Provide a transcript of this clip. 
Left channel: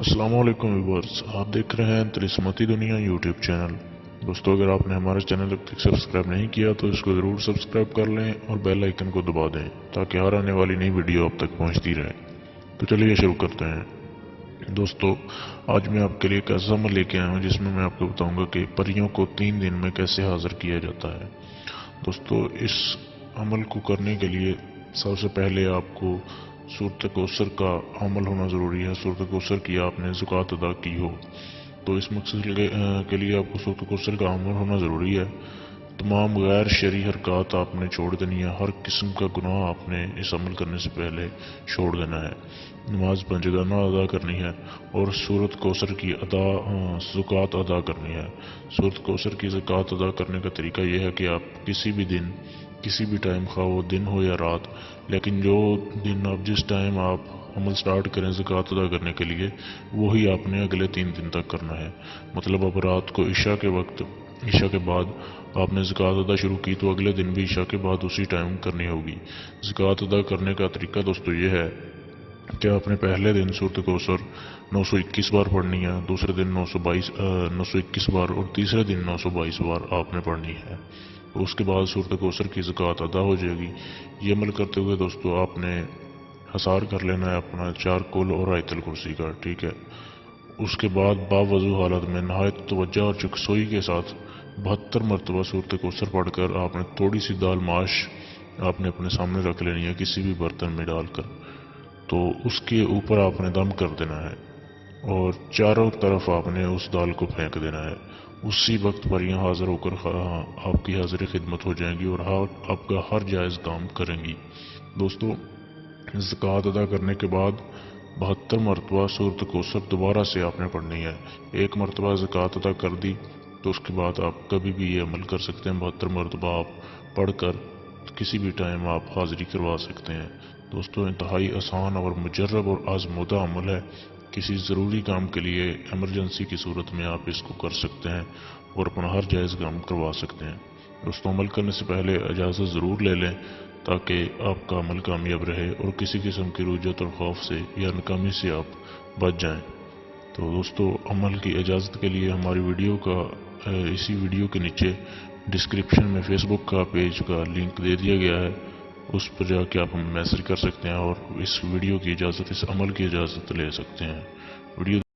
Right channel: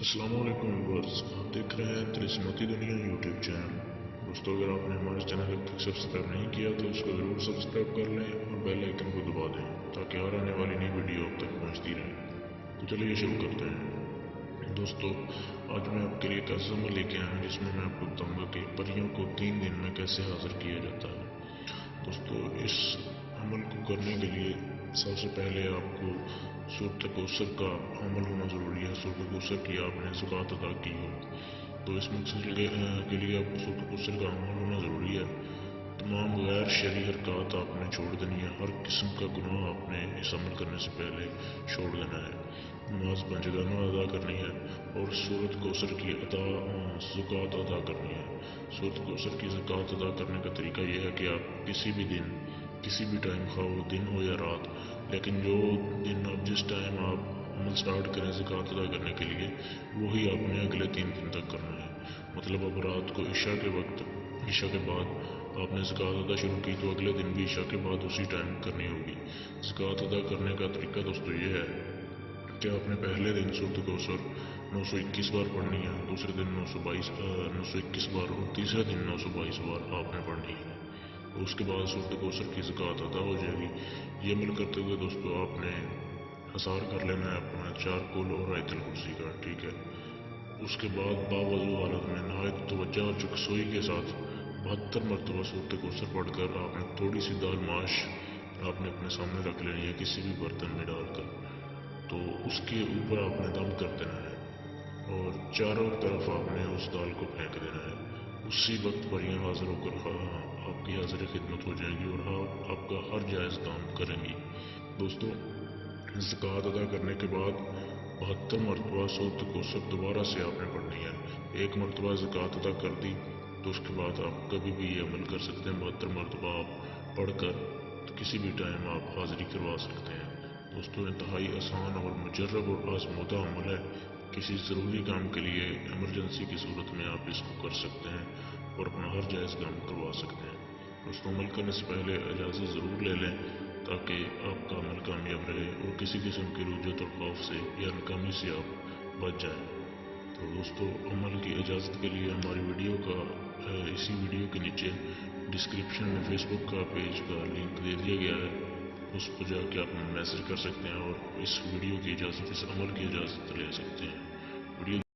अस्सलाम वालेकुम व्यूअर्स, आप देख रहे हैं तिलिस्माती दुनिया यूट्यूब चैनल। दोस्तों, अगर आपने हमारे चैनल अब तक सब्सक्राइब नहीं किया तो इसको ज़रूर सब्सक्राइब कर लें और बेल आइकन को दबा दें ताकि हर आने वाली नई वीडियो आप तक पहुंचती रहे। तो चलिए शुरू करते हैं। दोस्तों, आज मैं आपके लिए एक ऐसा अमल लेके आया हूँ जिसमें मैं आपको बताऊंगा कि परियों को 3 दिन में कैसे हाजिर किया जाता है। दोस्तों, इस अमल को करने के लिए सबसे पहले आपको सूरत कौसर का अमल होना ज़रूरी है। सूरत कौसर की आपने ज़कात अदा की हो तो इस मकसद के लिए आपको सूरत कौसर का अमल होना ज़रूरी है। तमाम गैर शरई हरकत आपने छोड़ देनी है। हर किस्म का गुनाह आपने इस अमल करने से पहले छोड़ देना है। नमाज पंजगाना अदा करनी है और सूरत कौसर की ज़कात अदा करनी है। सूरत कौसर की ज़कात अदा करने का तरीका यह है कि आप किसी भी दिन, किसी भी टाइम, खा वो दिन हो या रात, लेकिन जो दिन आप जिस टाइम आप अमल स्टार्ट करें ज़कात अदा करने के लिए, वही आपने अगले 3 दिन तक करना है। मतलब अब रात को ईशा के वक्त, ईशा के बाद आपने ज़कात अदा शुरू की तो अगले दिन भी ईशा के बाद उसी टाइम करनी होगी। ज़कात अदा करने का तरीका दोस्तों ये है कि आपने पहले दिन सूरत कौसर 921 बार पढ़नी है, दूसरे दिन 921 बार और तीसरे दिन 922 बार आपने पढ़नी है। तो उसके बाद सूरत कौसर की ज़कात अदा हो जाएगी। ये अमल करते हुए दोस्तों आपने हसार कर लेना है अपना 4 कुल और आयतल कुर्सी का, ठीक है। उसके बाद बावजू हालत में नहायत तवज्जो और चुकसोई के साथ 72 मरतबा सूरत कौसर पढ़कर आपने थोड़ी सी दाल माश आपने अपने सामने रख लेनी है किसी भी बर्तन में डालकर। तो उसके ऊपर आपने दम कर देना है और चारों तरफ आपने उस दाल को फेंक देना है। उसी वक्त पर यहाँ हाजिर होकर आपकी हाजिर खिदमत हो जाएंगी और आपका हर जायज़ काम करेंगी। दोस्तों, ज़कात अदा करने के बाद 72 मरतबा सूरत कौसर दोबारा से आपने पढ़नी है। एक मरतबा ज़कात अदा कर दी तो उसके बाद आप कभी भी ये अमल कर सकते हैं। 72 मरतबा आप पढ़कर किसी भी टाइम आप हाजिरी करवा सकते हैं। दोस्तों, इंतहाई आसान और मुजर्रब और आजमूदा अमल है। किसी ज़रूरी काम के लिए एमरजेंसी की सूरत में आप इसको कर सकते हैं और अपना हर जायज़ काम करवा सकते हैं। दोस्तों, अमल करने से पहले इजाज़त ज़रूर ले लें ताकि आपका अमल कामयाब रहे और किसी किस्म की रुजत और खौफ से या नाकामी से आप बच जाएं। तो दोस्तों, अमल की इजाज़त के लिए हमारी वीडियो का इसी वीडियो के नीचे डिस्क्रिप्शन में फेसबुक का पेज का लिंक दे दिया गया है। उस पर जाके आप हमें मैसेज कर सकते हैं और इस वीडियो की इजाज़त, इस अमल की इजाज़त ले सकते हैं। वीडियो